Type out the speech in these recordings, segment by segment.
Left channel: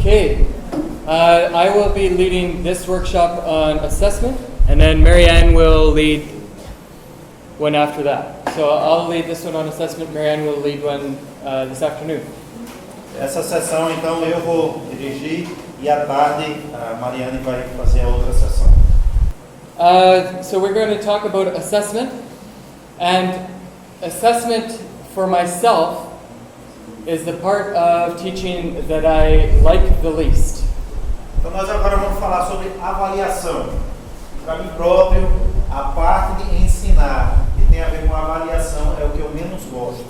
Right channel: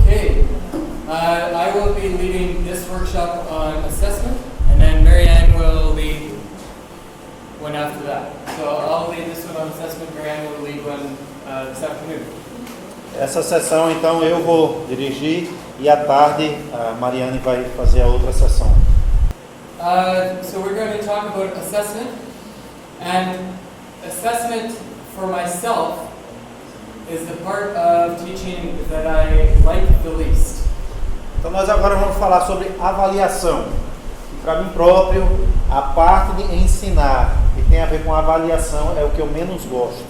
Okay, I will be leading this workshop on assessment, and then Marianne will lead one after that. So I'll lead this one on assessment, Marianne will lead one this afternoon. Essa sessão, então, eu vou dirigir e à tarde a Mariane vai fazer a outra sessão. So we're going to talk about assessment, and assessment for myself is the part of teaching that I like the least. Então nós agora vamos falar sobre avaliação. Para mim próprio, a parte de ensinar que tem a ver com avaliação é o que eu menos gosto.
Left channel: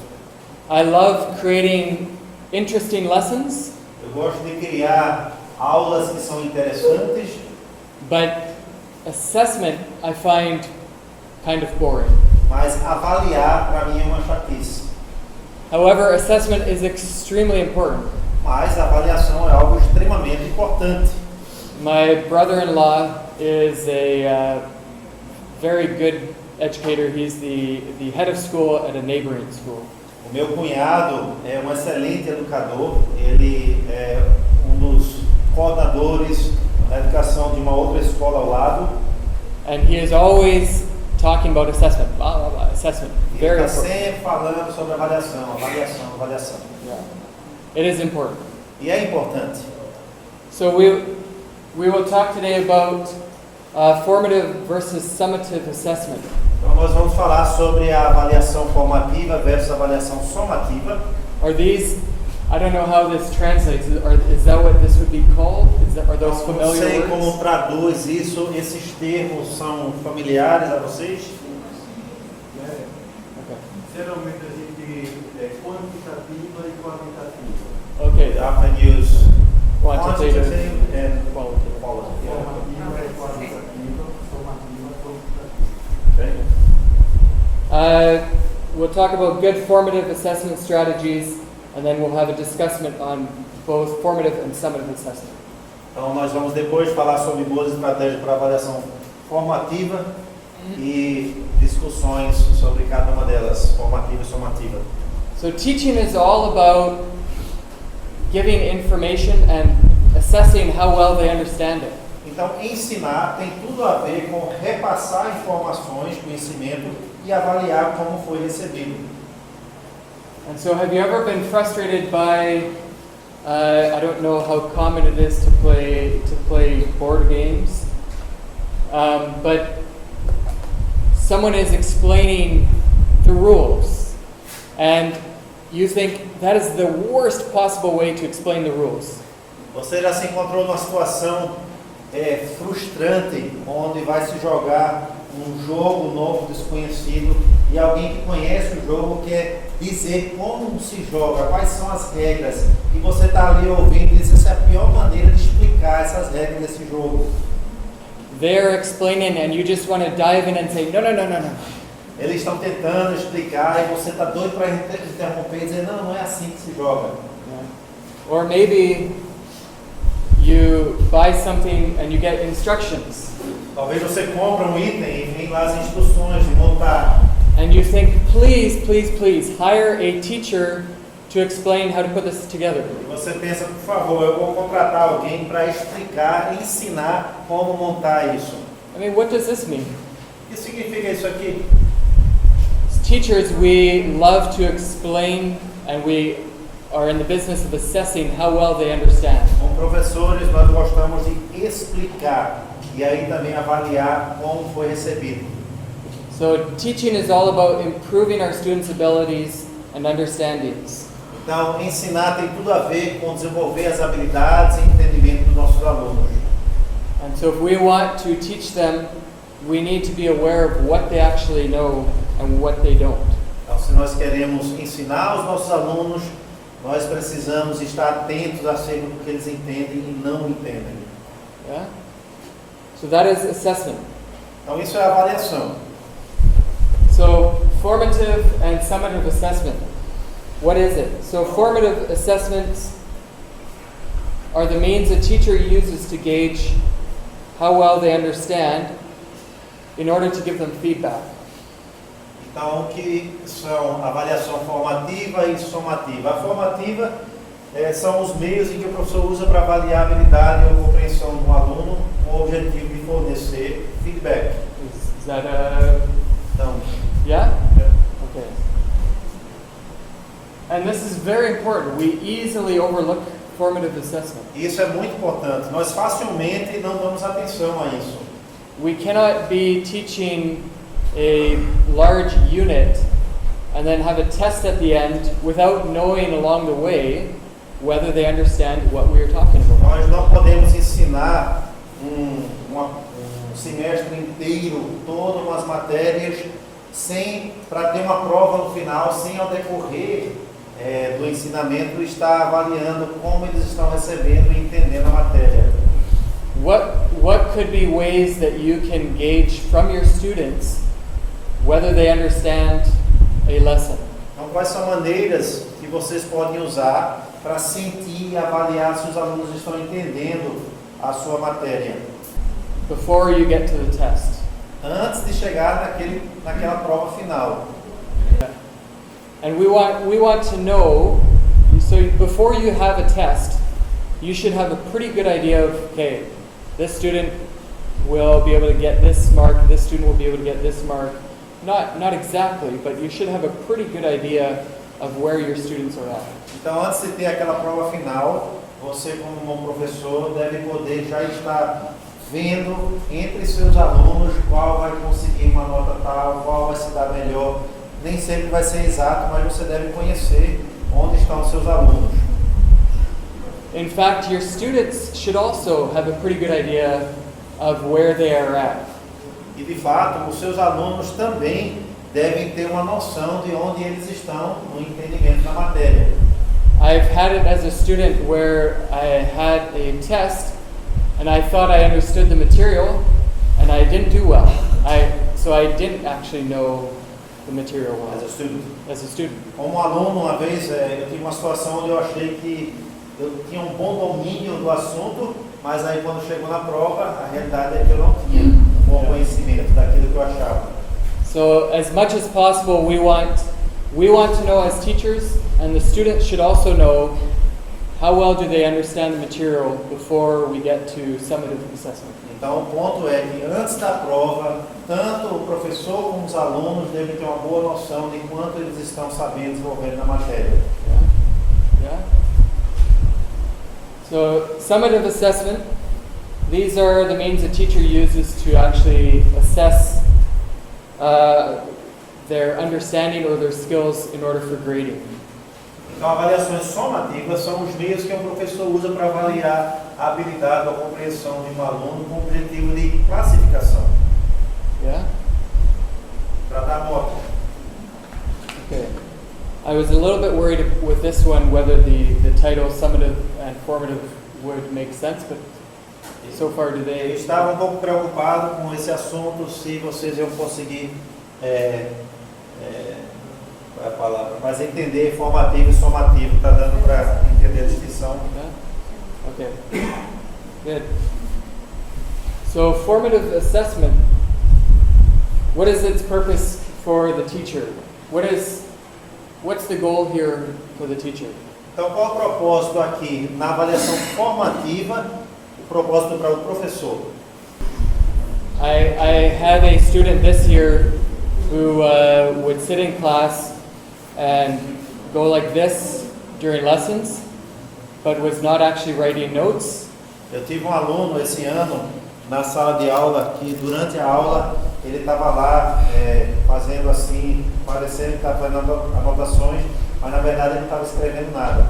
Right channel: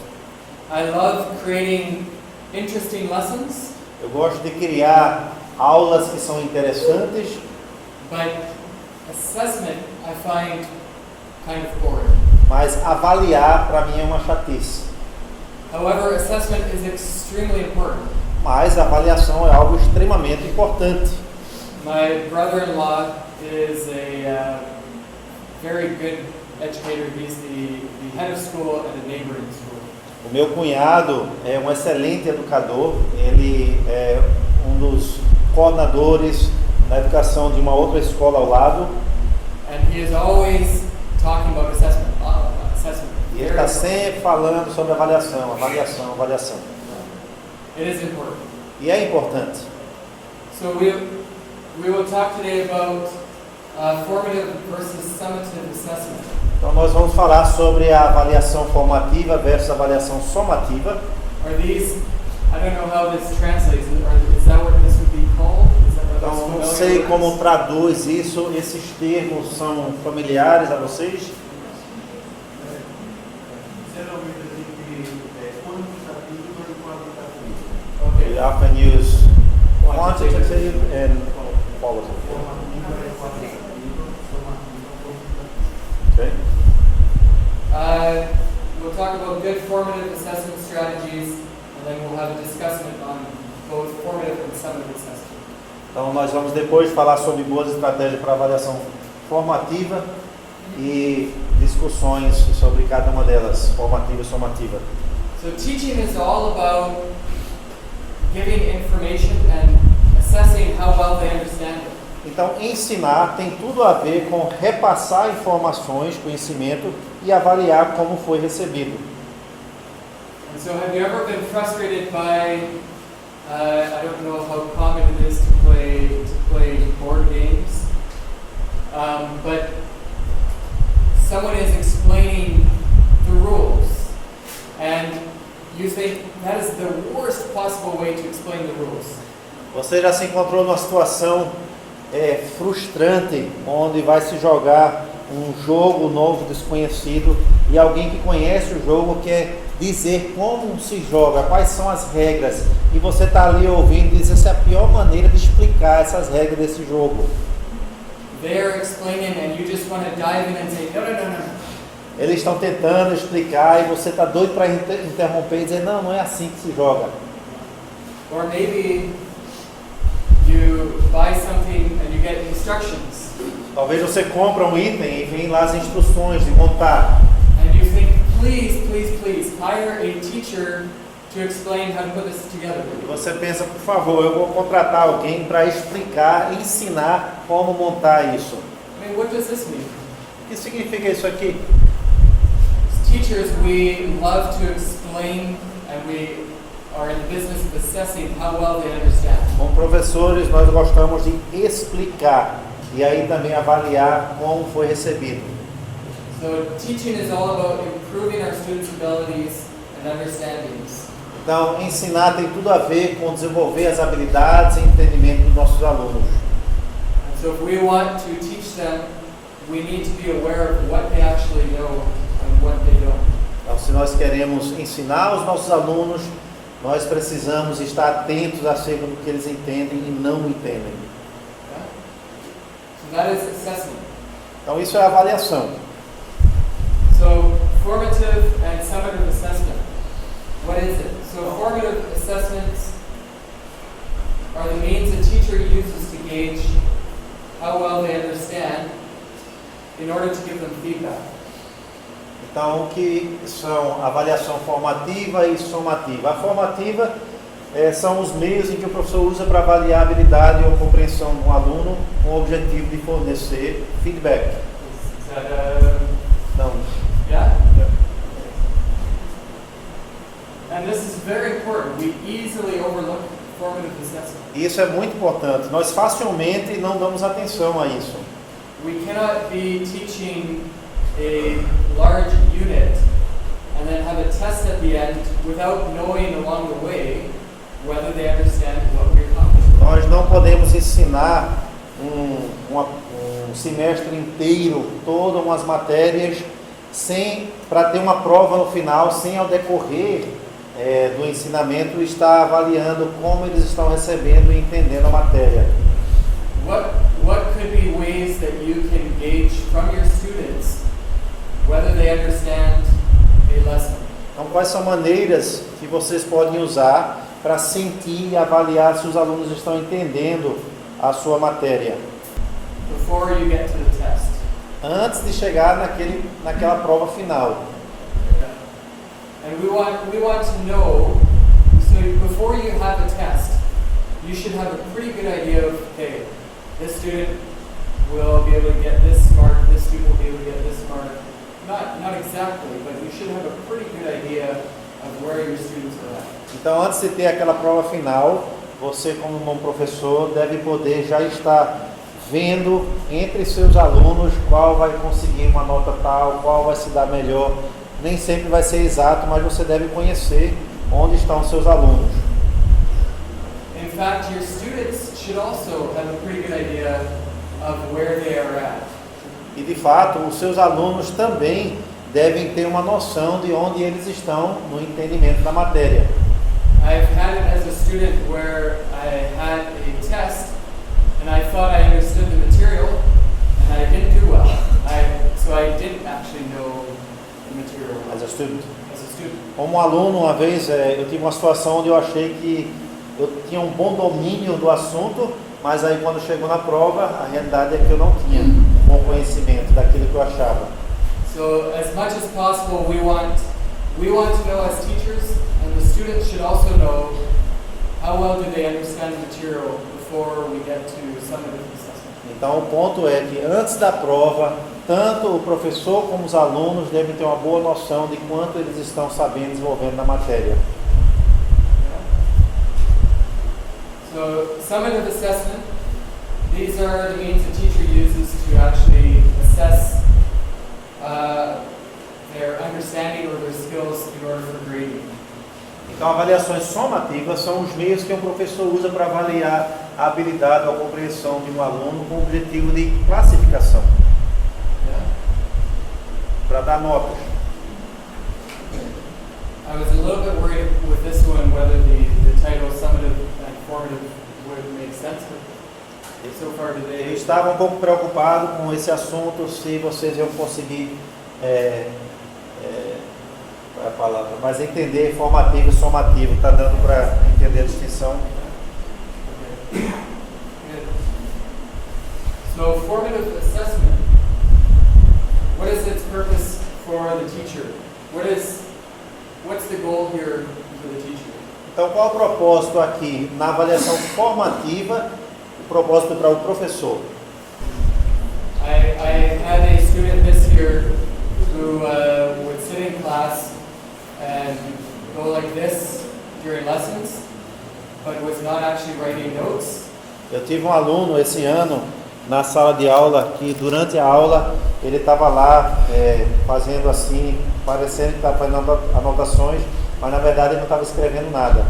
I love creating interesting lessons. Eu gosto de criar aulas que são interessantes, But assessment I find kind of boring. mas avaliar para mim é uma chatice. However, assessment is extremely important. Mas a avaliação é algo extremamente importante. My brother-in-law is a very good educator. He's the head of school at a neighboring school. O meu cunhado é um excelente educador, ele é um dos coordenadores na educação de uma outra escola ao lado. And he is always talking about assessment, assessment. E ele está sempre falando sobre avaliação. It is important. E é importante. So we will talk today about formative versus summative assessment. Então nós vamos falar sobre a avaliação formativa versus a avaliação somativa. Are these? I don't know how this translates. Is that what this would be called? Are those Então, familiar não sei words? como traduz isso. Esses termos são familiares a vocês? Geralmente a gente quantitativa e qualitativa. Okay. We often use Quantitative. quantitative and qualitative. Okay. We'll talk about good formative assessment strategies, and then we'll have a discussion on both formative and summative assessment. Então nós vamos depois falar sobre boas estratégias para avaliação formativa e discussões sobre cada uma delas, formativa e somativa. So teaching is all about giving information and assessing how well they understand it. Então ensinar tem tudo a ver com repassar informações, conhecimento e avaliar como foi recebido. And so have you ever been frustrated by I don't know how common it is to play board games, but someone is explaining the rules, and you think that is the worst possible way to explain the rules. Você já se encontrou numa situação frustrante, onde vai se jogar um jogo novo, desconhecido, e alguém que conhece o jogo quer dizer como se joga, quais são as regras, e você está ali ouvindo e diz, essa é a pior maneira de explicar essas regras desse jogo. They're explaining and you just want to dive in and say, no. Eles estão tentando explicar e você está doido para interromper e dizer, não é assim que se joga. Or maybe you buy something and you get instructions. Talvez você compra um item e vem lá as instruções de montar. And you think, please, hire a teacher to explain how to put this together. E você pensa, por favor, eu vou contratar alguém para explicar, ensinar como montar isso. I mean, what does this mean? O que significa isso aqui? As teachers, we love to explain, and we are in the business of assessing how well they understand. Como professores, nós gostamos de explicar e aí também avaliar como foi recebido. So teaching is all about improving our students' abilities and understandings. Então, ensinar tem tudo a ver com desenvolver as habilidades e entendimento dos nossos alunos. And so if we want to teach them, we need to be aware of what they actually know and what they don't. Então, se nós queremos ensinar os nossos alunos, nós precisamos estar atentos acerca do que eles entendem e não entendem. Yeah? So that is assessment. Então, isso é avaliação. So formative and summative assessment. What is it? So formative assessments are the means a teacher uses to gauge how well they understand in order to give them feedback. Então, o que são avaliação formativa e somativa? A formativa são os meios em que o professor usa para avaliar a habilidade ou compreensão de um aluno com o objetivo de fornecer feedback. Is that Então, yeah? Okay. And this is very important. We easily overlook formative assessment. isso é muito importante. Nós facilmente não damos atenção a isso. We cannot be teaching a large unit and then have a test at the end without knowing along the way whether they understand what we are talking about. Nós não podemos ensinar um semestre inteiro, todas umas matérias, para ter uma prova no final, sem ao decorrer do ensinamento estar avaliando como eles estão recebendo e entendendo a matéria. What could be ways that you can gauge from your students whether they understand a lesson? Então, quais são maneiras que vocês podem usar para sentir e avaliar se os alunos estão entendendo a sua matéria? Before you get to the test. Antes de chegar naquela prova final. And we want to know, so before you have a test, you should have a pretty good idea of, okay, this student will be able to get this mark, this student will be able to get this mark. Not exactly, but you should have a pretty good idea of where your students are at. Então, antes de ter aquela prova final, você como um professor deve poder já estar vendo entre seus alunos qual vai conseguir uma nota tal, qual vai se dar melhor. Nem sempre vai ser exato, mas você deve conhecer onde estão seus alunos. In fact, your students should also have a pretty good idea of where they are at. E de fato, os seus alunos também devem ter uma noção de onde eles estão no entendimento da matéria. I've had it as a student where I had a test and I thought I understood the material and I didn't do well. So I didn't actually know the material well. As a student. As a student. Como aluno, uma vez eu tive uma situação onde eu achei que eu tinha um bom domínio do assunto, mas aí quando chegou na prova, a realidade é que eu não tinha um bom conhecimento daquilo que eu achava. So as much as possible, we want to know as teachers, and the students should also know how well do they understand the material before we get to summative assessment. Então o ponto é que antes da prova, tanto o professor como os alunos devem ter uma boa noção de quanto eles estão sabendo desenvolvendo na matéria. Yeah. So summative assessment, these are the means a teacher uses to actually assess their understanding or their skills in order for grading. Então, avaliações somativas são os meios que um professor usa para avaliar a habilidade ou a compreensão de um aluno com o objetivo de classificação. Yeah? Para dar notas. Okay. I was a little bit worried with this one whether the title summative and formative would make sense, but so far Eu today. estava um pouco preocupado com esse assunto, se vocês iam conseguir qual é a palavra, mas entender formativo e somativo, está dando para entender a distinção. Okay. Good. So formative assessment, what is its purpose for the teacher? What's the goal here for the teacher? Então, qual é o propósito aqui? Na avaliação formativa, o propósito para o professor. I had a student this year who would sit in class and go like this during lessons, but was not actually writing notes. Eu tive um aluno esse ano na sala de aula que durante a aula ele estava lá fazendo assim, parecendo que estava fazendo anotações, mas na verdade ele não estava escrevendo nada.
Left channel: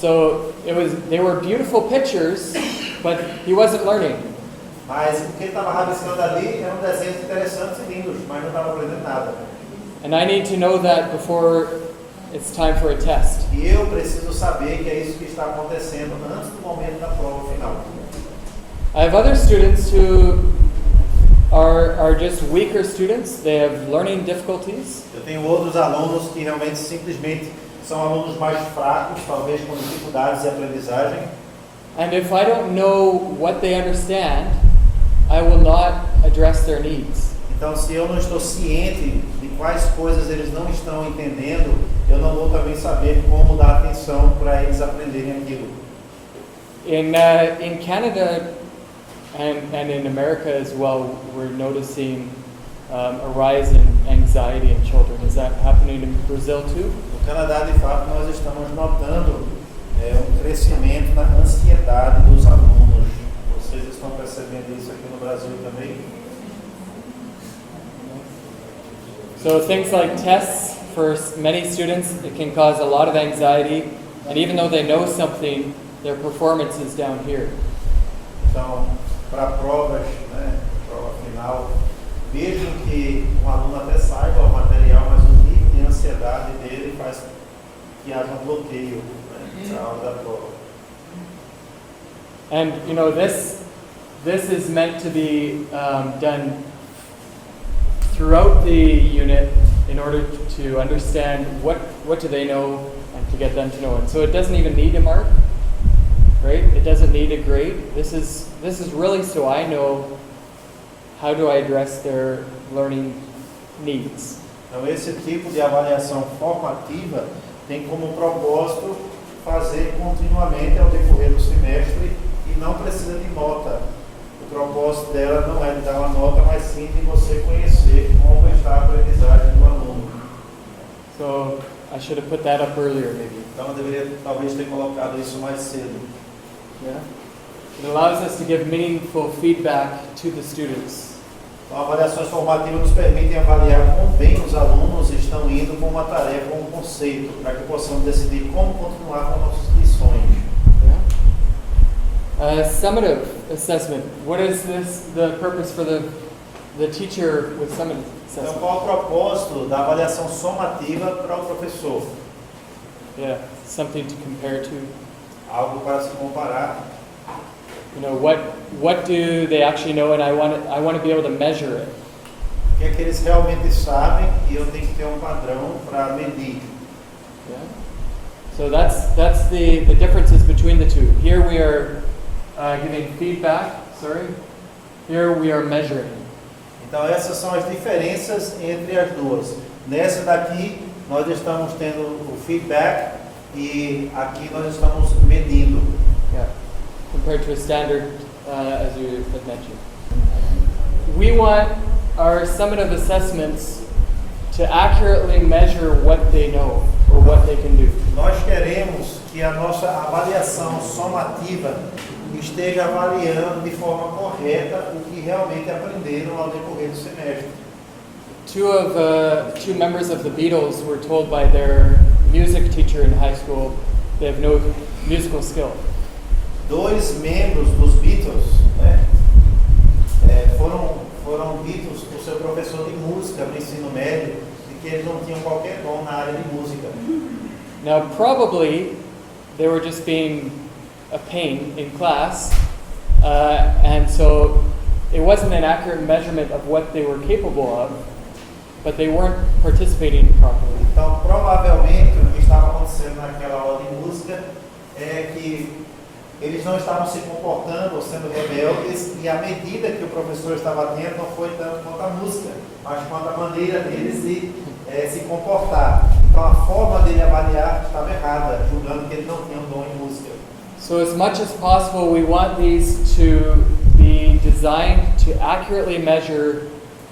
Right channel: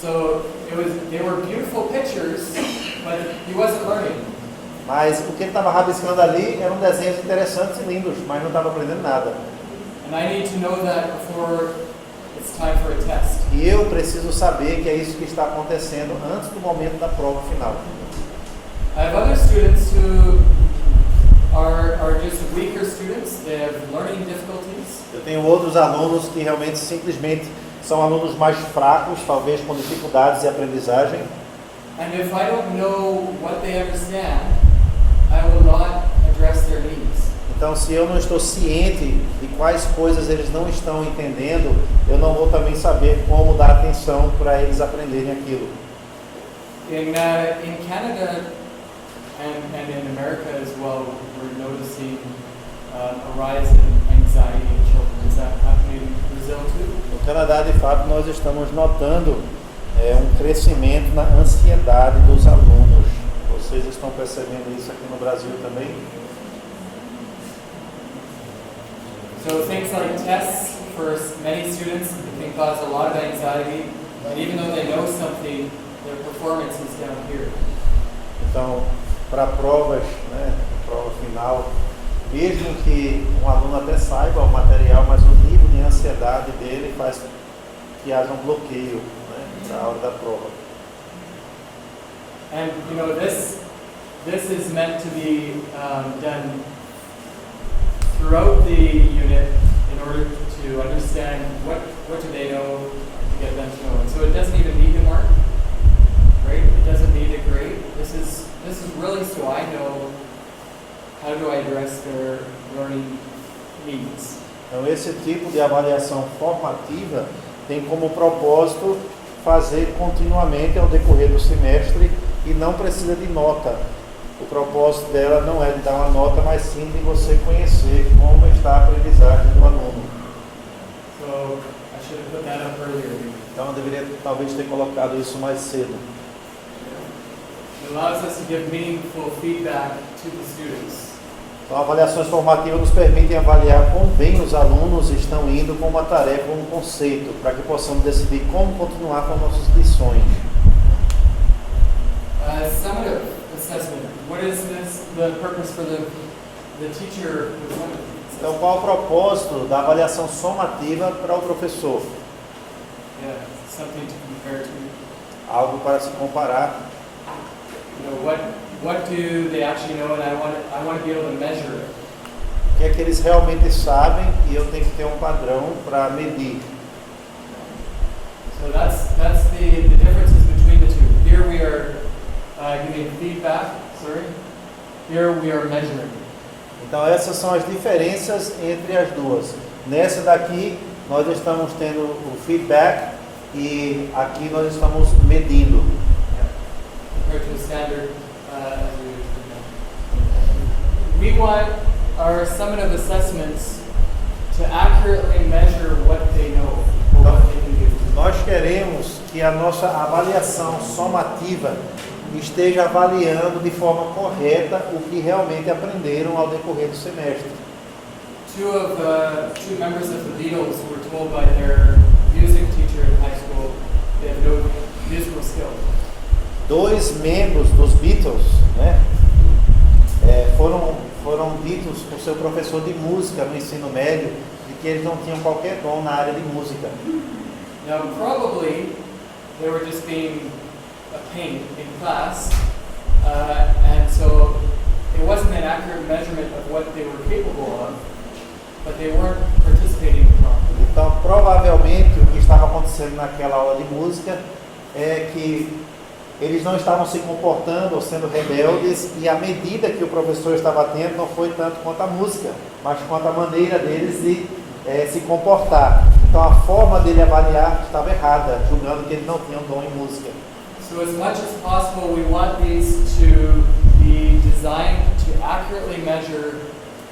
So they were beautiful pictures, but he wasn't learning. Mas o que ele estava rabiscando ali eram desenhos interessantes e lindos, mas não estava aprendendo nada. And I need to know that before it's time for a test. E eu preciso saber que é isso que está acontecendo antes do momento da prova final. I have other students who are just weaker students. They have learning difficulties. Eu tenho outros alunos que realmente simplesmente são alunos mais fracos, talvez com dificuldades de aprendizagem. And if I don't know what they understand, I will not address their needs. Então, se eu não estou ciente de quais coisas eles não estão entendendo, eu não vou também saber como dar atenção para eles aprenderem aquilo. In Canada and in America as well, we're noticing a rise in anxiety in children. Is that happening in Brazil too? No Canadá, de fato, nós estamos notando um crescimento na ansiedade dos alunos. Vocês estão percebendo isso aqui no Brasil também? So things like tests, for many students, it can cause a lot of anxiety, and even though they know something, their performance is down here. Então, para provas, né, prova final, mesmo que um aluno até saiba o material, mas o nível de ansiedade dele faz que haja um bloqueio, né, na hora da prova. And you know, this is meant to be done throughout the unit in order to understand what do they know and to get them to know it. So it doesn't even need a mark, right? It doesn't need a grade. This is really so I know how do I address their learning needs. Então esse tipo de avaliação formativa tem como propósito fazer continuamente ao decorrer do semestre e não precisa de nota. O propósito dela não é de dar uma nota, mas sim de você conhecer como está a aprendizagem do aluno. So I should have put that up earlier maybe. Então eu deveria talvez ter colocado isso mais cedo. Yeah. It allows us to give meaningful feedback to the students. Então, avaliações formativas nos permitem avaliar quão bem os alunos estão indo com uma tarefa ou um conceito, para que possamos decidir como continuar com nossas lições. Summative assessment. What is the purpose for the teacher with summative assessment? Então, qual o propósito da avaliação somativa para o professor? Yeah, something to compare to. Algo para se comparar. You know, what do they actually know, and I want to be able to measure it. O que é que eles realmente sabem e eu tenho que ter um padrão para medir. Yeah. So that's the differences between the two. Here we are giving feedback. Here we are measuring. Então essas são as diferenças entre as duas. Nessa daqui nós estamos tendo o feedback e aqui nós estamos medindo. Yeah. Compared to a standard, as you had mentioned. We want our summative assessments to accurately measure what they know or what they can do. Nós queremos que a nossa avaliação somativa esteja avaliando de forma correta o que realmente aprenderam ao decorrer do semestre. Two members of the Beatles were told by their music teacher in high school they have no musical skill. Dois membros dos Beatles, né, foram ditos por seu professor de música no ensino médio de que eles não tinham qualquer dom na área de música. Now probably they were just being a pain in class, and so it wasn't an accurate measurement of what they were capable of, but they weren't participating properly. Então, provavelmente, o que estava acontecendo naquela aula de música é que eles não estavam se comportando ou sendo rebeldes, e a medida que o professor estava tendo não foi tanto quanto a música, mas quanto a maneira deles de se comportar. Então, a forma dele avaliar estava errada, julgando que ele não tinha um dom em música. So as much as possible, we want these to be designed to accurately measure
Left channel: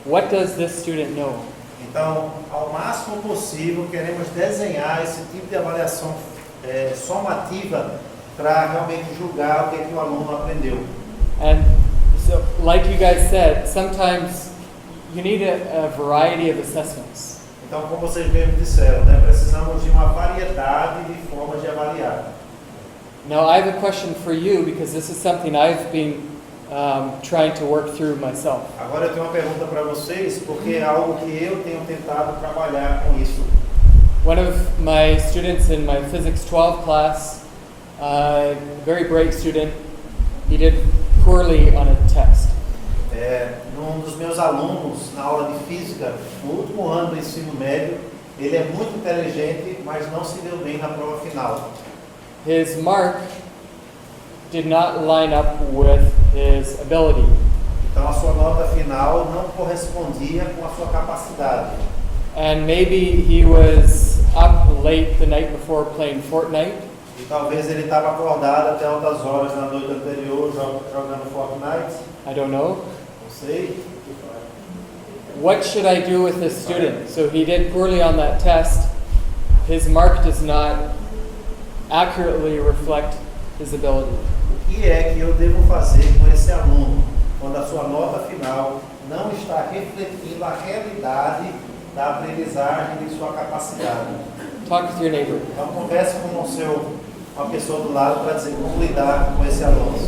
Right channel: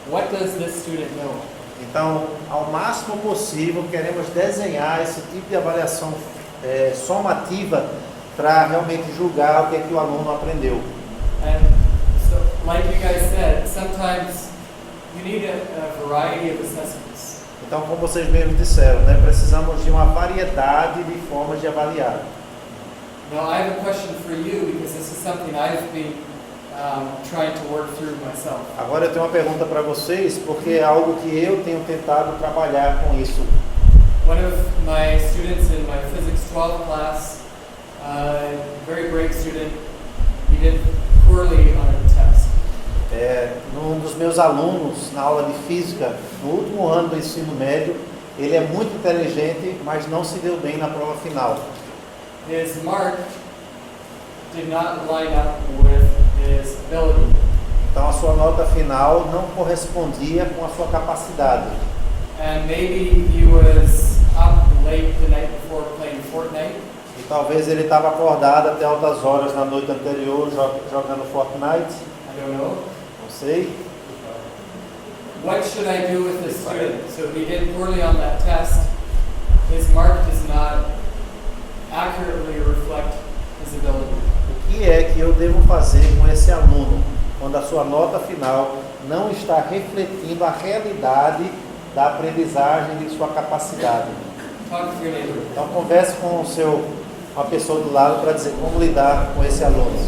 what does this student know. Então, ao máximo possível, queremos desenhar esse tipo de avaliação somativa para realmente julgar o que é que o aluno aprendeu. And so, like you guys said, sometimes you need a variety of assessments. Então, como vocês mesmos disseram, né, precisamos de uma variedade de formas de avaliar. Now, I have a question for you because this is something I've been trying to work through myself. Agora eu tenho uma pergunta para vocês, porque é algo que eu tenho tentado trabalhar com isso. One of my students in my Physics 12 class, very bright student, he did poorly on a test. Um dos meus alunos na aula de física, no último ano do ensino médio, ele é muito inteligente, mas não se deu bem na prova final. His mark did not line up with his ability. Então a sua nota final não correspondia com a sua capacidade. And maybe he was up late the night before playing Fortnite. E talvez ele estava acordado até altas horas na noite anterior jogando Fortnite. I don't know. Não sei. What should I do with this student? So he did poorly on that test. His mark does not accurately reflect his ability. O que é que eu devo fazer com esse aluno quando a sua nota final não está refletindo a realidade da aprendizagem de sua capacidade? Talk with your neighbor. Então converse com uma pessoa do lado para dizer como lidar com esse aluno.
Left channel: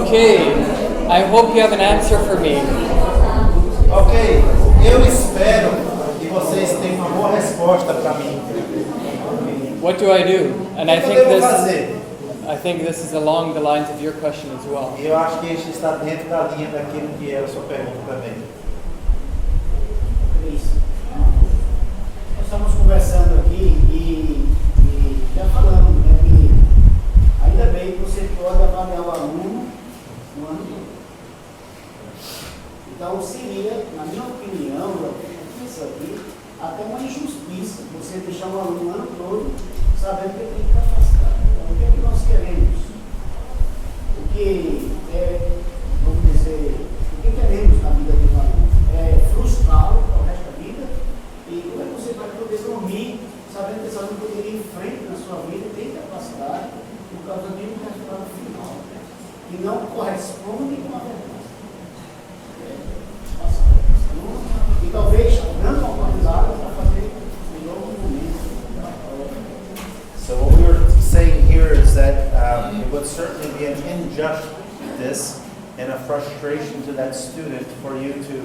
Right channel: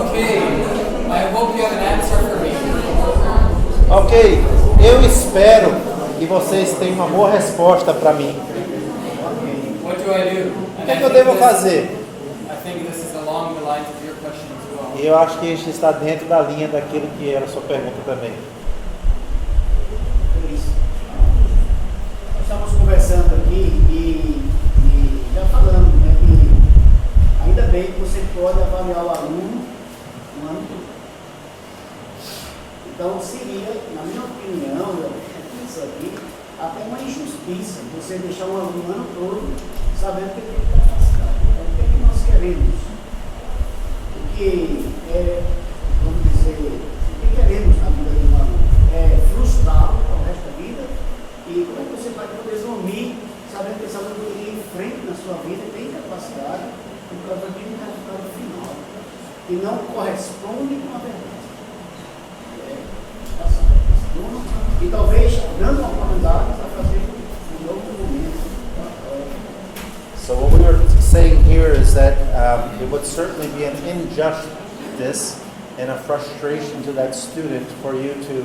Okay, I hope you have an answer for me. Ok, eu espero que vocês tenham uma boa resposta para mim. What do I do? O que eu devo fazer? I think this is along the lines of your question as well. E eu acho que isso está dentro da linha daquilo que era a sua pergunta também. Nós estamos conversando aqui e já falando, né, que ainda bem que você pode avaliar o aluno no ano todo. Então seria, na minha opinião, eu penso aqui, até uma injustiça você deixar um aluno o ano todo sabendo que ele tem capacidade. Então, o que nós queremos? O que vamos dizer, o que queremos na vida do aluno? É frustrá-lo para o resto da vida. E como é que você vai poder dormir sabendo que esse aluno tem em frente na sua vida e tem capacidade por causa de um resultado final que não corresponde com a verdade? E talvez dando uma oportunidade para fazer um novo momento. So what we were saying here is that it would certainly be an injustice and a frustration to that student for you to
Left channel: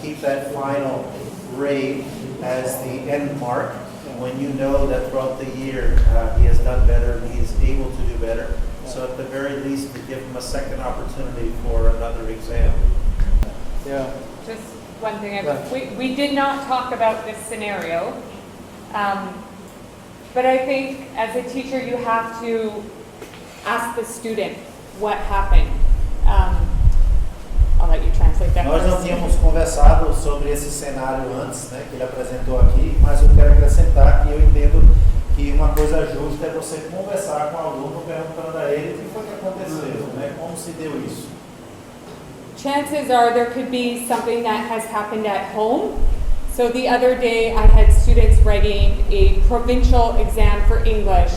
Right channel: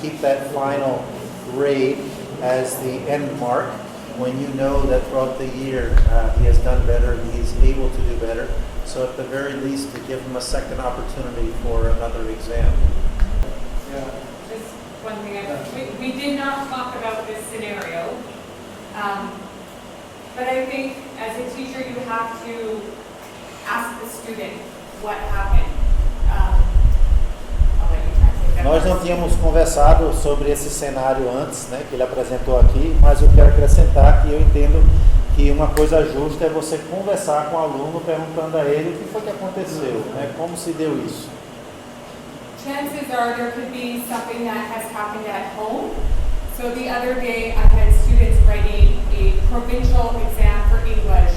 keep that final grade as the end mark when you know that throughout the year he has done better and he's able to do better. So at the very least to give him a second opportunity for another exam. Yeah. Just one thing, we did not talk about this scenario, but I think as a teacher you have to ask the student what happened. I'll let you translate that. Nós não tínhamos conversado sobre esse cenário antes, né, que ele apresentou aqui, mas eu quero acrescentar que eu entendo que uma coisa justa é você conversar com o aluno perguntando a ele o que foi que aconteceu, né, como se deu isso. Chances are there could be something that has happened at home. So the other day I had students writing a provincial exam for English,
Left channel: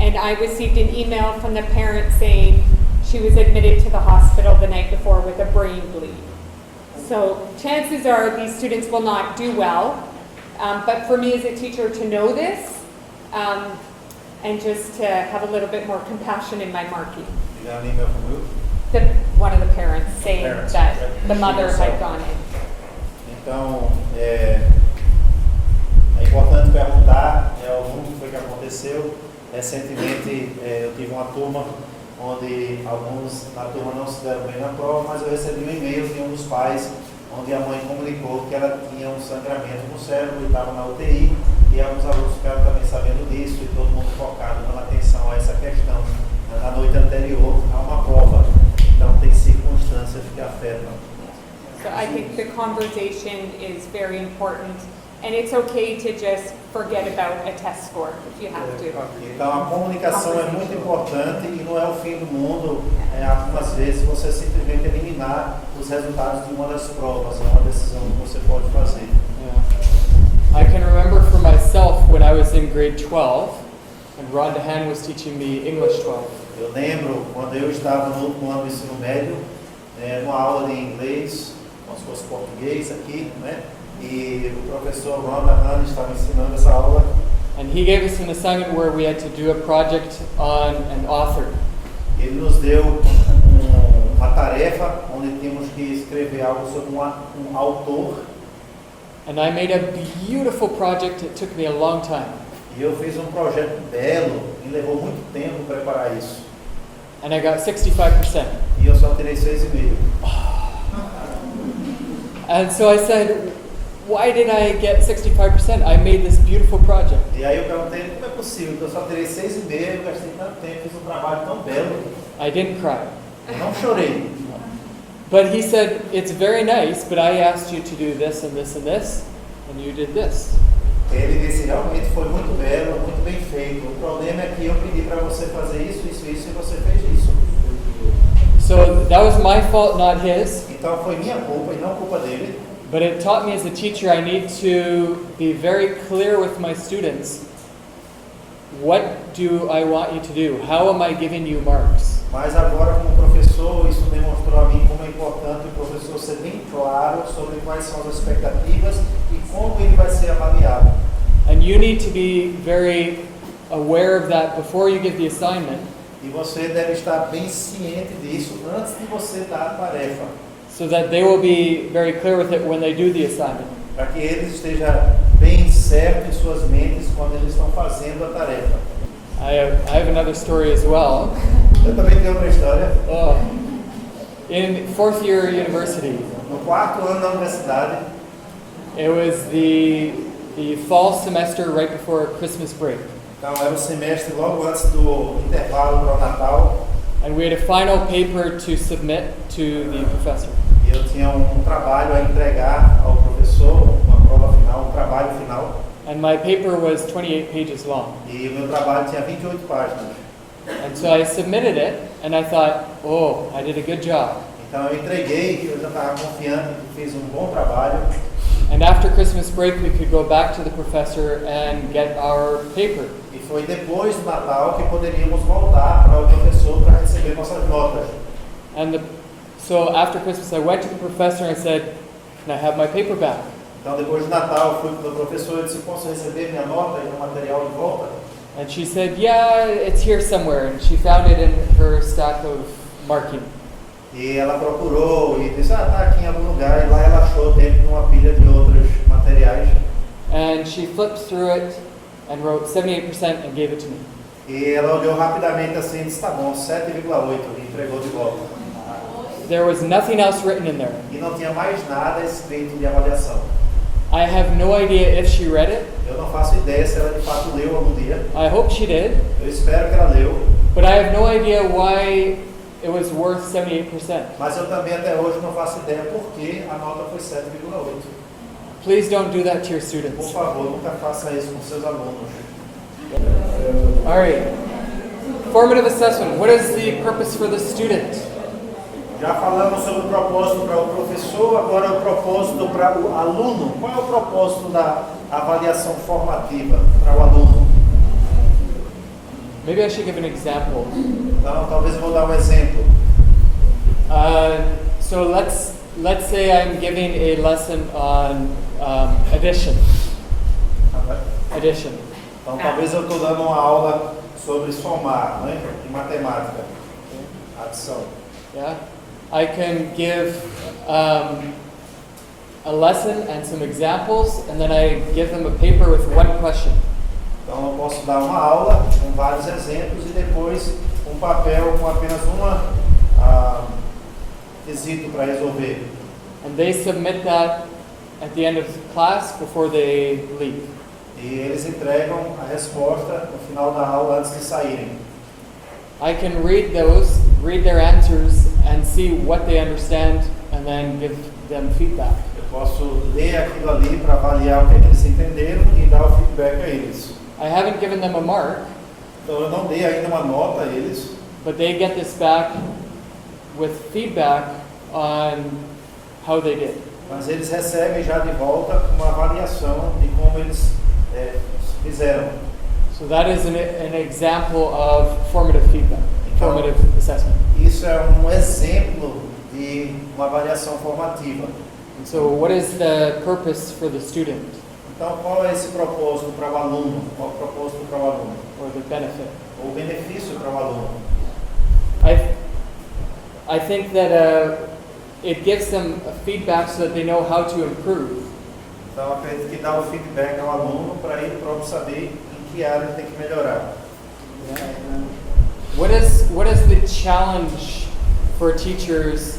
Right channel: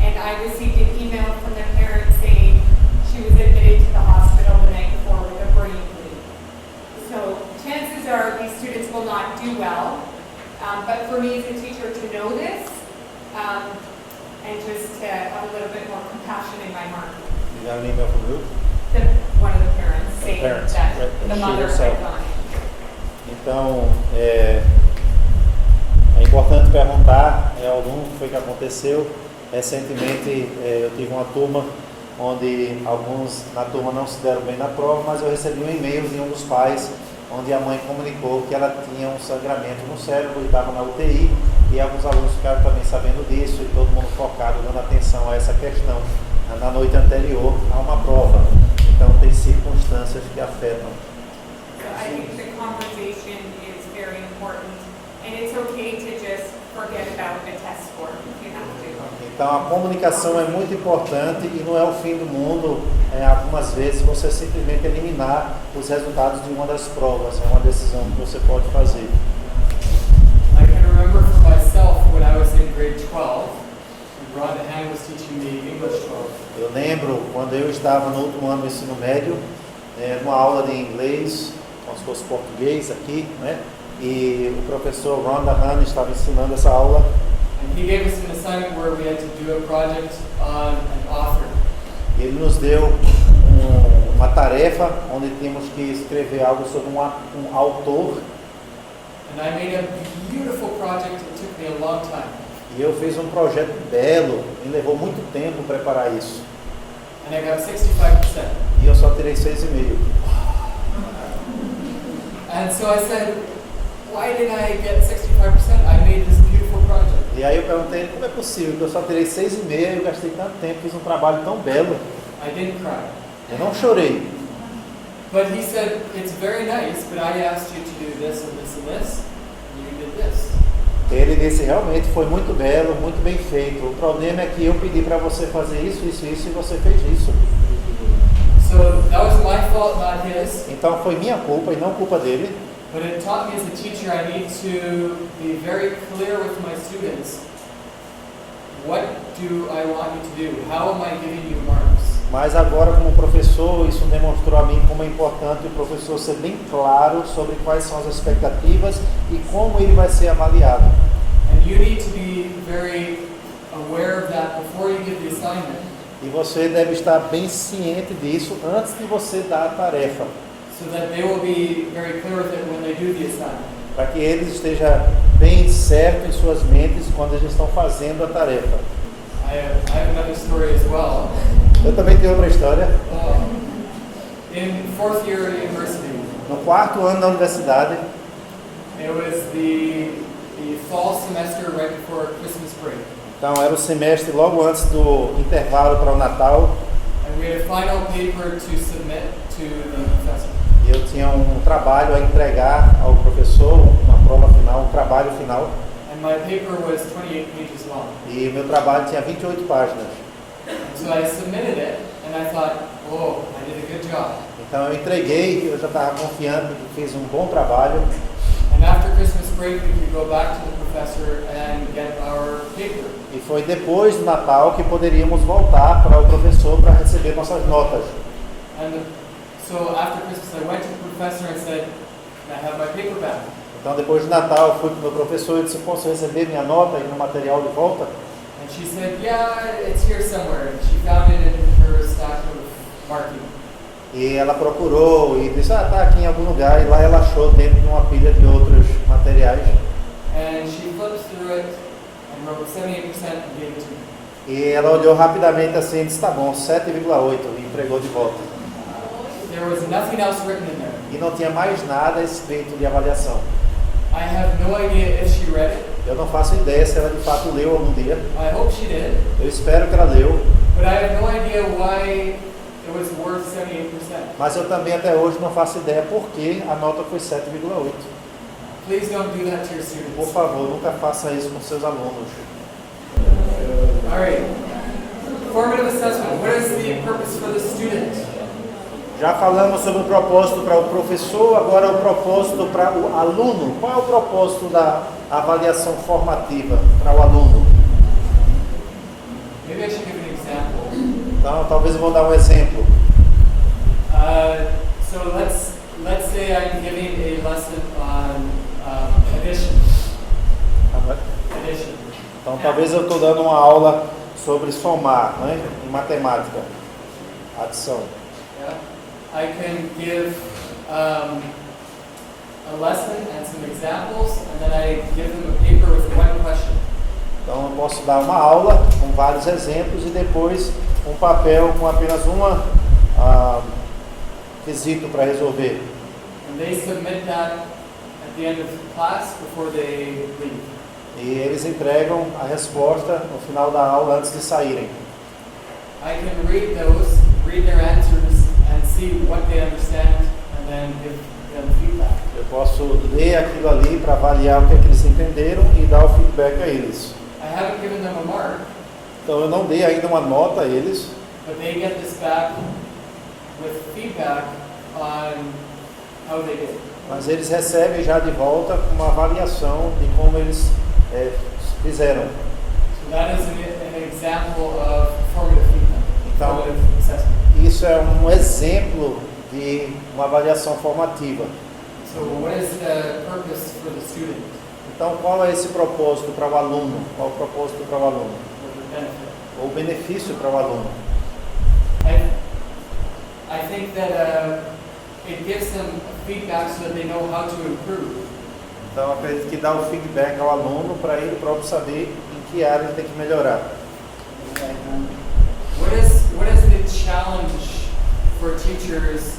and I received an email from the parent saying she was admitted to the hospital the night before with a brain bleed. So chances are these students will not do well, but for me as a teacher to know this and just to have a little bit more compassion in my marking. You got an email from who? One of the parents saying parents, that right. the She mother herself. had gone in. Então, é importante perguntar ao aluno o que foi que aconteceu. Recentemente, eu tive uma turma onde alguns na turma não se deram bem na prova, mas eu recebi um e-mail de um dos pais, onde a mãe comunicou que ela tinha um sangramento no cérebro e estava na UTI, e alguns alunos ficaram também sabendo disso, e todo mundo focado, dando atenção a essa questão na noite anterior a uma prova. Então, tem circunstâncias que afetam. So I think the conversation is very important, and it's okay to just forget about a test score if you have to. Então, a comunicação é muito importante e não é o fim do mundo, algumas vezes, você simplesmente eliminar os resultados de uma das provas, é uma decisão que você pode fazer. I can remember for myself when I was in grade 12, and Rhonda Han was teaching me English 12. Eu lembro quando eu estava no último ano do ensino médio, numa aula de inglês, como se fosse português aqui, né? E o professor Rhonda Han estava ensinando essa aula. And he gave us an assignment where we had to do a project on an author. Ele nos deu uma tarefa onde tínhamos que escrever algo sobre um autor. And I made a beautiful project. It took me a long time. E eu fiz um projeto belo, me levou muito tempo preparar isso. And I got 65%. E eu só tirei 6,5. And so I said, why did I get 65%? I made this beautiful project. E aí eu perguntei como é possível que eu só tirei 6,5 e eu gastei tanto tempo, fiz um trabalho tão belo. I didn't cry. Eu não chorei. But he said, it's very nice, but I asked you to do this and this and this, and you did this. Ele disse, realmente foi muito belo, muito bem feito. O problema é que eu pedi para você fazer isso, isso, isso, e você fez isso. So that was my fault, not his. Então foi minha culpa e não culpa dele. But it taught me as a teacher I need to be very clear with my students. What do I want you to do? How am I giving you marks? Mas agora, como professor, isso demonstrou a mim como é importante o professor ser bem claro sobre quais são as expectativas e como ele vai ser avaliado. And you need to be very aware of that before you give the assignment, E você deve estar bem ciente disso antes de você dar a tarefa, so that they will be very clear with it when they do the assignment. para que eles estejam bem certo em suas mentes quando eles estão fazendo a tarefa. I have another story as well. Eu também tenho outra história. In fourth year university, No 4º ano da universidade, it was the fall semester right before Christmas break. então era o semestre logo antes do intervalo para o Natal, And we had a final paper to submit to the professor. e eu tinha um trabalho a entregar ao professor, uma prova final, um trabalho final, And my paper was 28 pages long. e meu trabalho tinha 28 páginas. And so I submitted it, and I thought, oh, I did a good job. Então eu entreguei, eu já estava confiante que fiz um bom trabalho. And after Christmas break, we could go back to the professor and get our paper. E foi depois do Natal que poderíamos voltar para o professor para receber nossas notas. And so after Christmas, I went to the professor and said, can I have my paper back? Então depois do Natal eu fui para o meu professor e disse, posso receber minha nota e meu material de volta? And she said, yeah, it's here somewhere. And she found it in her stack of marking. E ela procurou e disse, tá aqui em algum lugar. E lá ela achou dentro de uma pilha de outros materiais. And she flipped through it and wrote 78% and gave it to me. E ela olhou rapidamente assim e disse, tá bom, 7,8 e entregou de volta. There was nothing else written in there. E não tinha mais nada escrito de avaliação. I have no idea if she read it. Eu não faço ideia se ela de fato leu algum dia. I hope she did. Eu espero que ela leu. But I have no idea why it was worth 78%. Mas eu também até hoje não faço ideia por que a nota foi 7,8. Please don't do that to your Por students. favor, nunca faça isso com seus alunos. All right. Formative assessment. What is the purpose for the student? Já falamos sobre o propósito para o professor, agora o propósito para o aluno. Qual é o propósito da avaliação formativa para o aluno? Maybe I should give an example. Então, talvez eu vou dar um exemplo. So let's say I'm giving a lesson on addition. Addition. Então, talvez eu estou dando uma aula sobre somar, né, em matemática, adição. Yeah. I can give a lesson and some examples, and then I give them a paper with one question. Então, eu posso dar uma aula com vários exemplos e depois um papel com apenas uma quesito para resolver. And they submit that at the end of class before they leave. E eles entregam a resposta no final da aula antes de saírem. I can read their answers and see what they understand and then give them feedback. Eu posso ler aquilo ali para avaliar o que é que eles entenderam e dar o feedback a eles. I haven't given them a mark, Então eu não dei ainda uma nota a eles, but they get this back with feedback on how they did. mas eles recebem já de volta uma avaliação de como eles fizeram. So that is an example of formative feedback, Então, formative assessment. isso é um exemplo de uma avaliação formativa. So what is the purpose for the student Então, qual é esse propósito para o aluno? Qual é o propósito para o aluno? or the benefit? Ou o benefício para o aluno? I think that it gives them feedback so that they know how to improve. Então, acredito que dá o feedback ao aluno para ele próprio saber em que área ele tem que melhorar. What is the challenge for teachers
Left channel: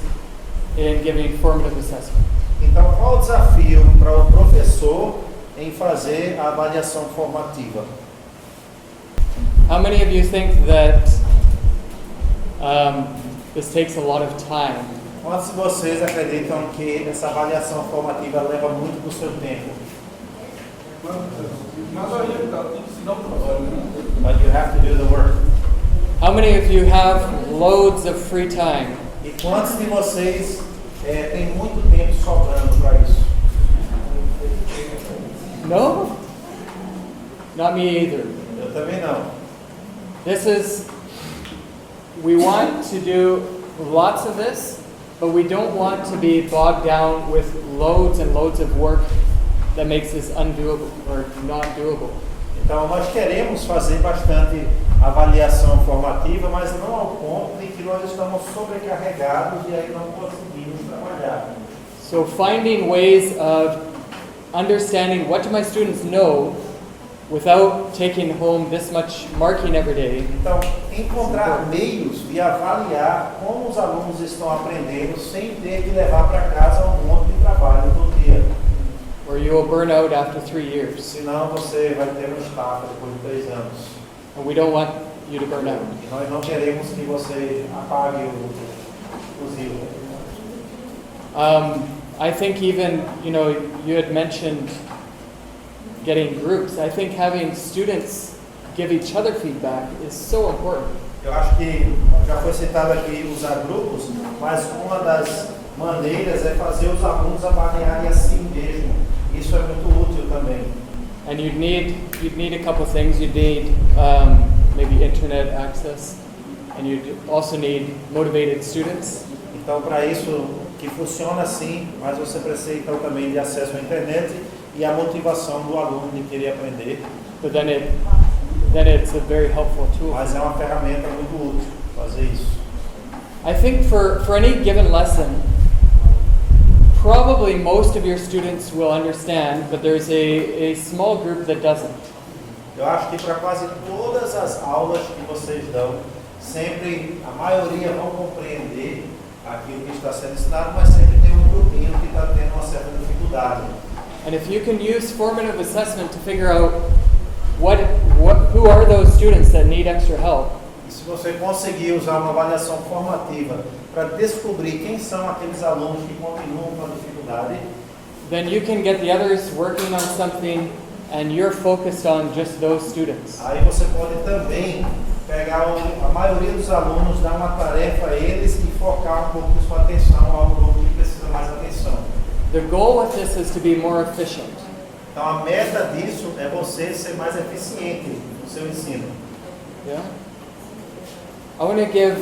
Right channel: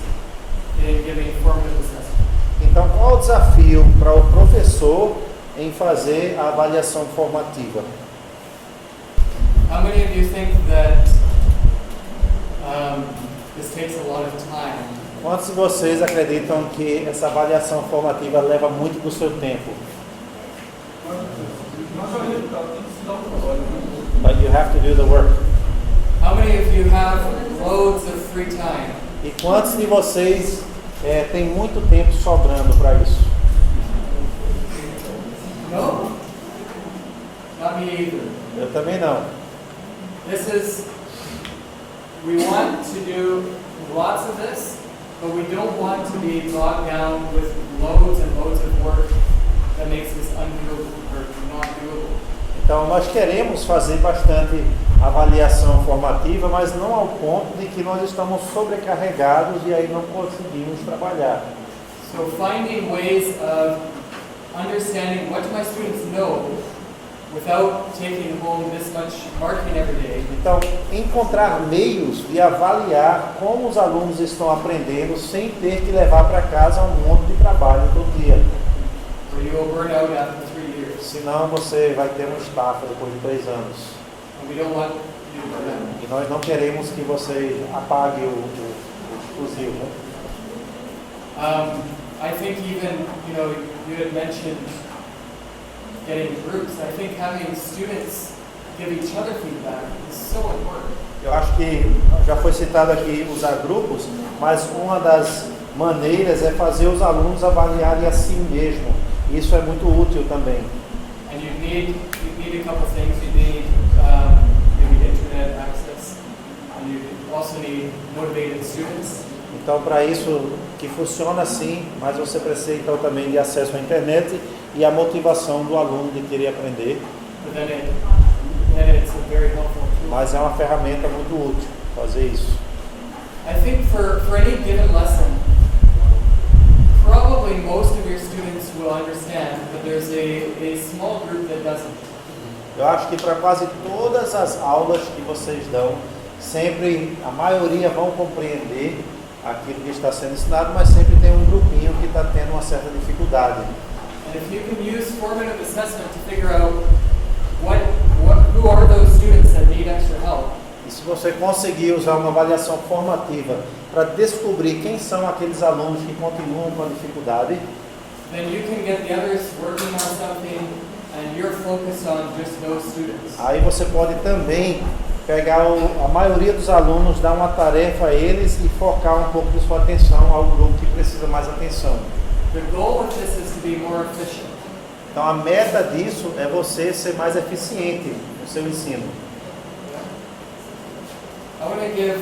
in giving formative assessment? Então, qual o desafio para o professor em fazer a avaliação formativa? How many of you think that this takes a lot of time Quantos de vocês acreditam que essa avaliação formativa leva muito do seu tempo? But you have to do the work. How many of you have loads of free time? E quantos de vocês têm muito tempo sobrando para isso? No? Not me either. Eu também não. We want to do lots of this, but we don't want to be bogged down with loads and loads of work that makes this undoable or not doable. Então nós queremos fazer bastante avaliação formativa, mas não ao ponto de que nós estamos sobrecarregados e aí não conseguimos trabalhar. So finding ways of understanding what do my students know without taking home this much marking every day. Então, encontrar meios de avaliar como os alunos estão aprendendo sem ter que levar para casa um monte de trabalho todo dia. Or you will burn out after 3 years. Senão você vai ter uma estafa depois de 3 anos. And we don't want you to burn out. E nós não queremos que você apague o explosivo. I think even, you had mentioned getting groups. I think having students give each other feedback is so important. Eu acho que já foi citado aqui usar grupos, mas uma das maneiras é fazer os alunos avaliarem a si mesmo. Isso é muito útil também. And you'd need a couple things. You'd need maybe internet access, and you'd also need motivated students. Então, para isso que funciona assim, mas você precisa então também de acesso à internet e a motivação do aluno de querer aprender. But then it's a very helpful tool. Mas é uma ferramenta muito útil fazer isso. I think for any given lesson, probably most of your students will understand, but there's a small group that doesn't. Eu acho que para quase todas as aulas que vocês dão, sempre a maioria vão compreender aquilo que está sendo ensinado, mas sempre tem um grupinho que está tendo uma certa dificuldade. And if you can use formative assessment to figure out who are those students that need extra help, e se você conseguir usar uma avaliação formativa para descobrir quem são aqueles alunos que continuam com a dificuldade, then you can get the others working on something and you're focused on just those students. aí você pode também pegar a maioria dos alunos, dar uma tarefa a eles e focar um pouco de sua atenção ao grupo que precisa mais atenção. The goal with this is to be more efficient. Então a meta disso é você ser mais eficiente no seu ensino. Yeah. I want to give,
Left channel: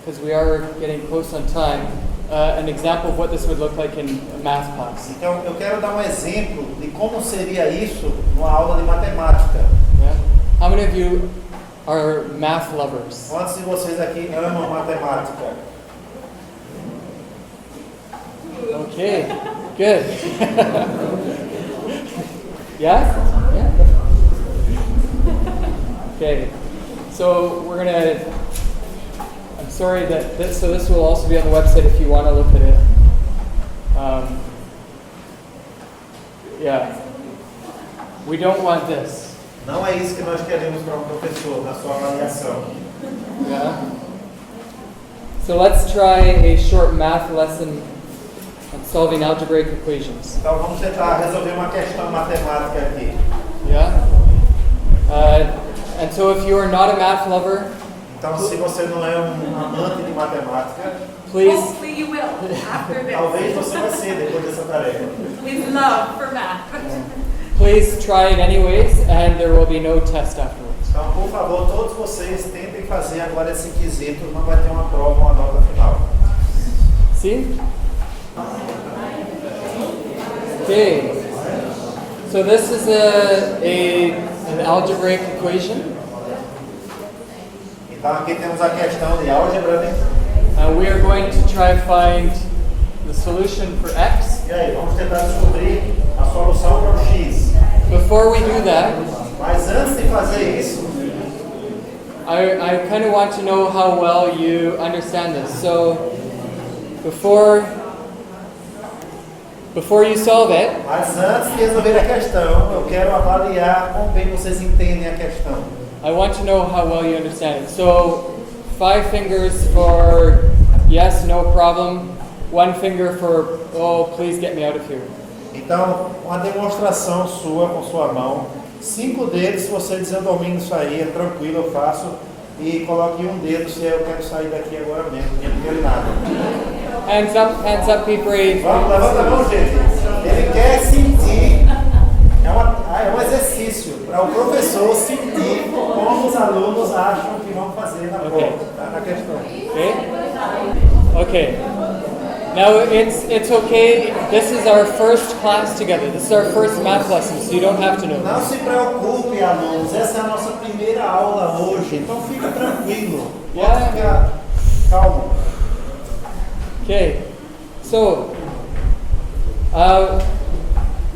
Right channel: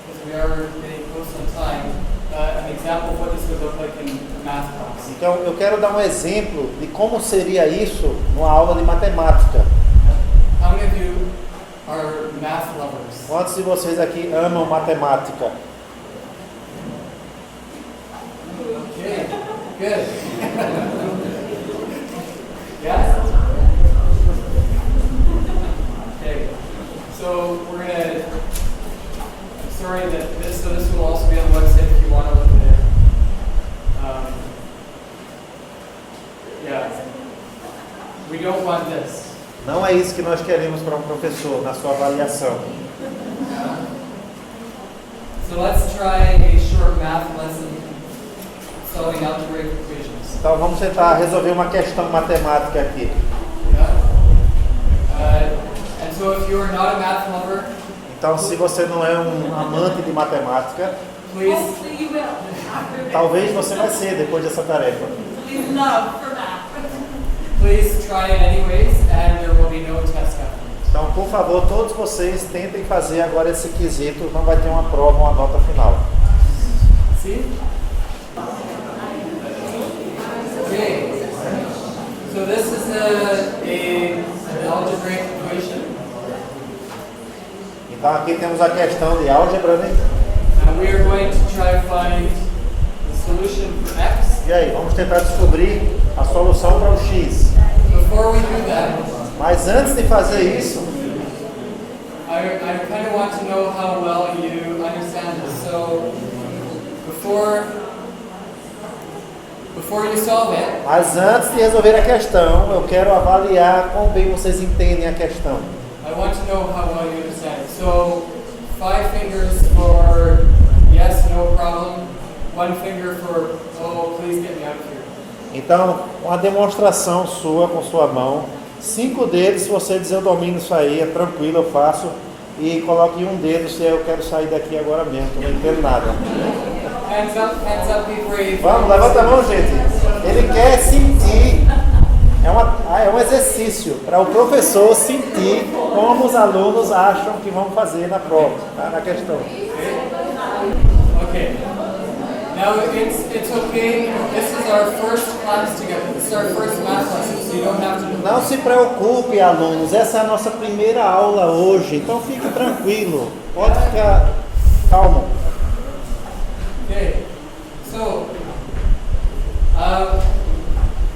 because we are getting close on time, an example of what this would look like in a math class. Então eu quero dar um exemplo de como seria isso numa aula de matemática. Yeah. How many of you are math lovers? Quantos de vocês aqui amam matemática? Okay, good. Yes? Yeah. Okay, so we're gonna, I'm sorry that this will also be on the website if you want to look at it. Yeah, we don't want this. Não é isso que nós queremos para um professor na sua avaliação. Yeah. So let's try a short math lesson on solving algebraic equations. Então vamos tentar resolver uma questão matemática aqui. Yeah. And so if you are not a math lover, Então se você não é um amante de matemática, please, Hopefully you will after this. talvez você vai ser depois dessa tarefa. Please love for math. please try it anyways, and there will be no test afterwards. Então, por favor, todos vocês tentem fazer agora esse quesito, não vai ter uma prova, uma nota final. See? Okay. So this is an algebraic equation, Então aqui temos a questão de álgebra, né? and we are going to try to find the solution for x. E aí, vamos tentar descobrir a solução para o x. Before we do that, Mas antes de fazer isso, I kind of want to know how well you understand this. So before you solve it, mas antes de resolver a questão, eu quero avaliar quão bem vocês entendem a questão. I want to know how well you understand it. So 5 fingers for Yes, no problem. One finger for, oh, please get me out of here. Então, uma demonstração sua com sua mão. 5 dedos, se você dizer eu domino isso aí, é tranquilo, eu faço. E coloque um dedo se eu quero sair daqui agora mesmo, que eu não entendo nada. Hands up, be brave. Vamos, levanta a mão, gente. Ele quer sentir. É um exercício para o professor sentir como os alunos acham que vão fazer na prova, tá? Na questão. Okay. Now it's okay. This is our first class together. This is our first math lesson, so you don't have to know. Não se preocupe, alunos. Essa é a nossa primeira aula hoje, então fique tranquilo. Pode ficar calmo. Okay. So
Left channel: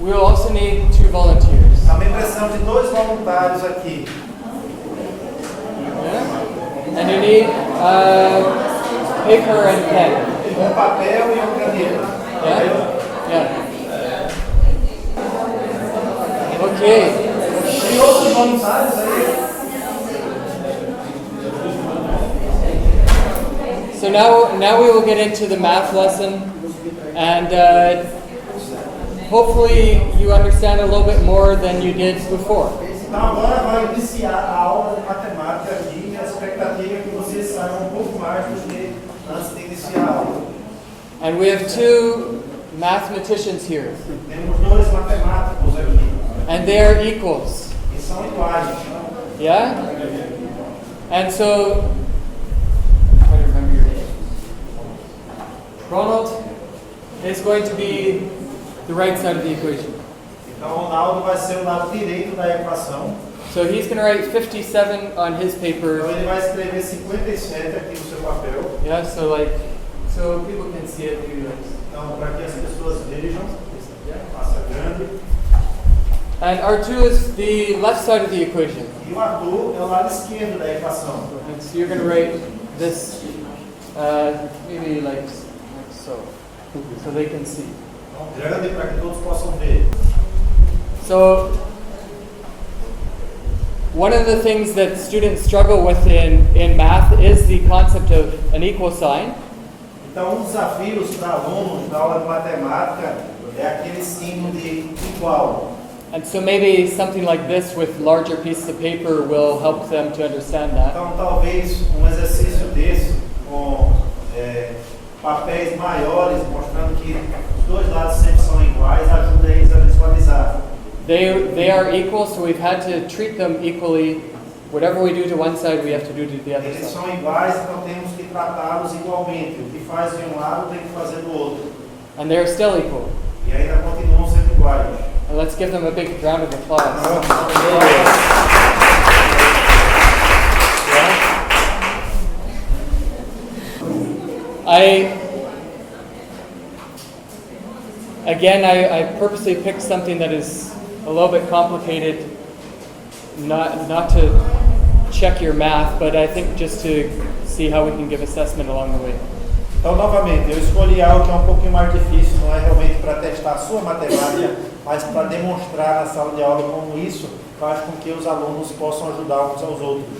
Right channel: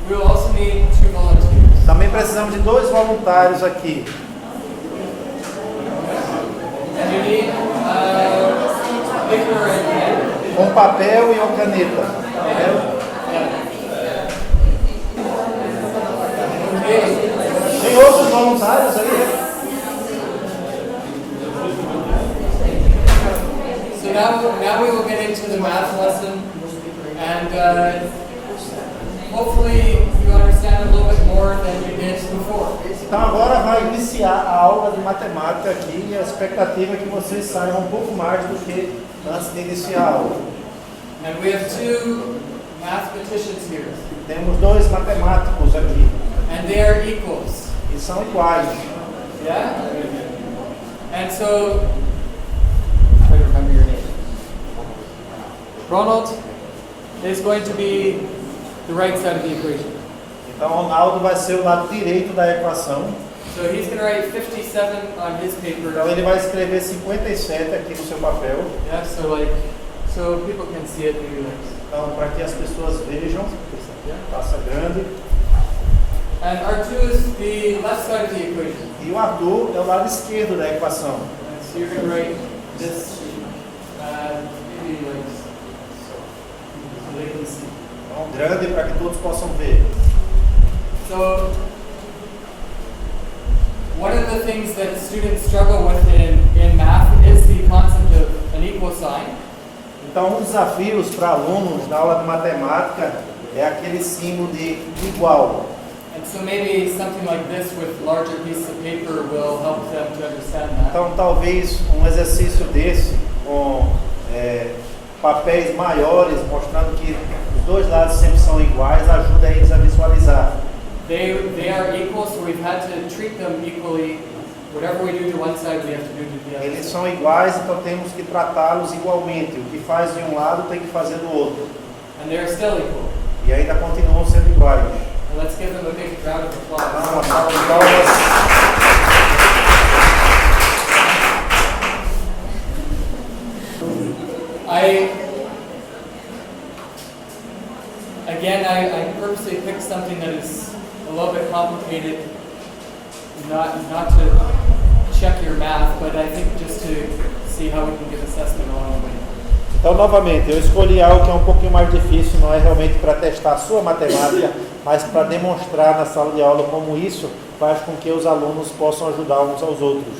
we'll also need 2 volunteers. Também precisamos de 2 voluntários aqui. And you need paper and pen. Com papel e uma caneta. Yeah. Okay. Tem outros voluntários aí? So now we will get into the math lesson, and hopefully you understand a little bit more than you did before. Então agora vai iniciar a aula de matemática aqui e a expectativa é que vocês saibam um pouco mais do que antes de iniciar a aula. And we have 2 mathematicians here, Temos 2 matemáticos aqui and they are equals. e são iguais. Yeah? And so, try to remember your name. Ronald is going to be the right side of the equation. Então Ronaldo vai ser o lado direito da equação. So he's going to write 57 on his paper. Então ele vai escrever 57 aqui no seu papel. Yeah, so people can see it maybe like. Então para que as pessoas vejam, Yeah. faça grande. And R2 is the left side of the equation. E o Arthur é o lado esquerdo da equação. And so you're going to write this maybe like so they can see. Então grande para que todos possam ver. So one of the things that students struggle with in math is the concept of an equal sign. Então, um dos desafios para alunos na aula de matemática é aquele símbolo de igual. And so maybe something like this with larger pieces of paper will help them to understand that. Então, talvez um exercício desse com papéis maiores, mostrando que os 2 lados sempre são iguais, ajuda eles a visualizar. They are equal, so we've had to treat them equally. Whatever we do to one side, we have to do to the other Eles side. são iguais, então temos que tratá-los igualmente. O que faz de um lado tem que fazer do outro. And they're still equal. E ainda continuam sendo iguais. And let's give them a big round of applause. I purposely picked something that is a little bit complicated, not to check your math, but I think just to see how we can give assessment along the way. Então, novamente, eu escolhi algo que é um pouquinho mais difícil, não é realmente para testar a sua matemática, mas para demonstrar na sala de aula como isso faz com que os alunos possam ajudar uns aos outros.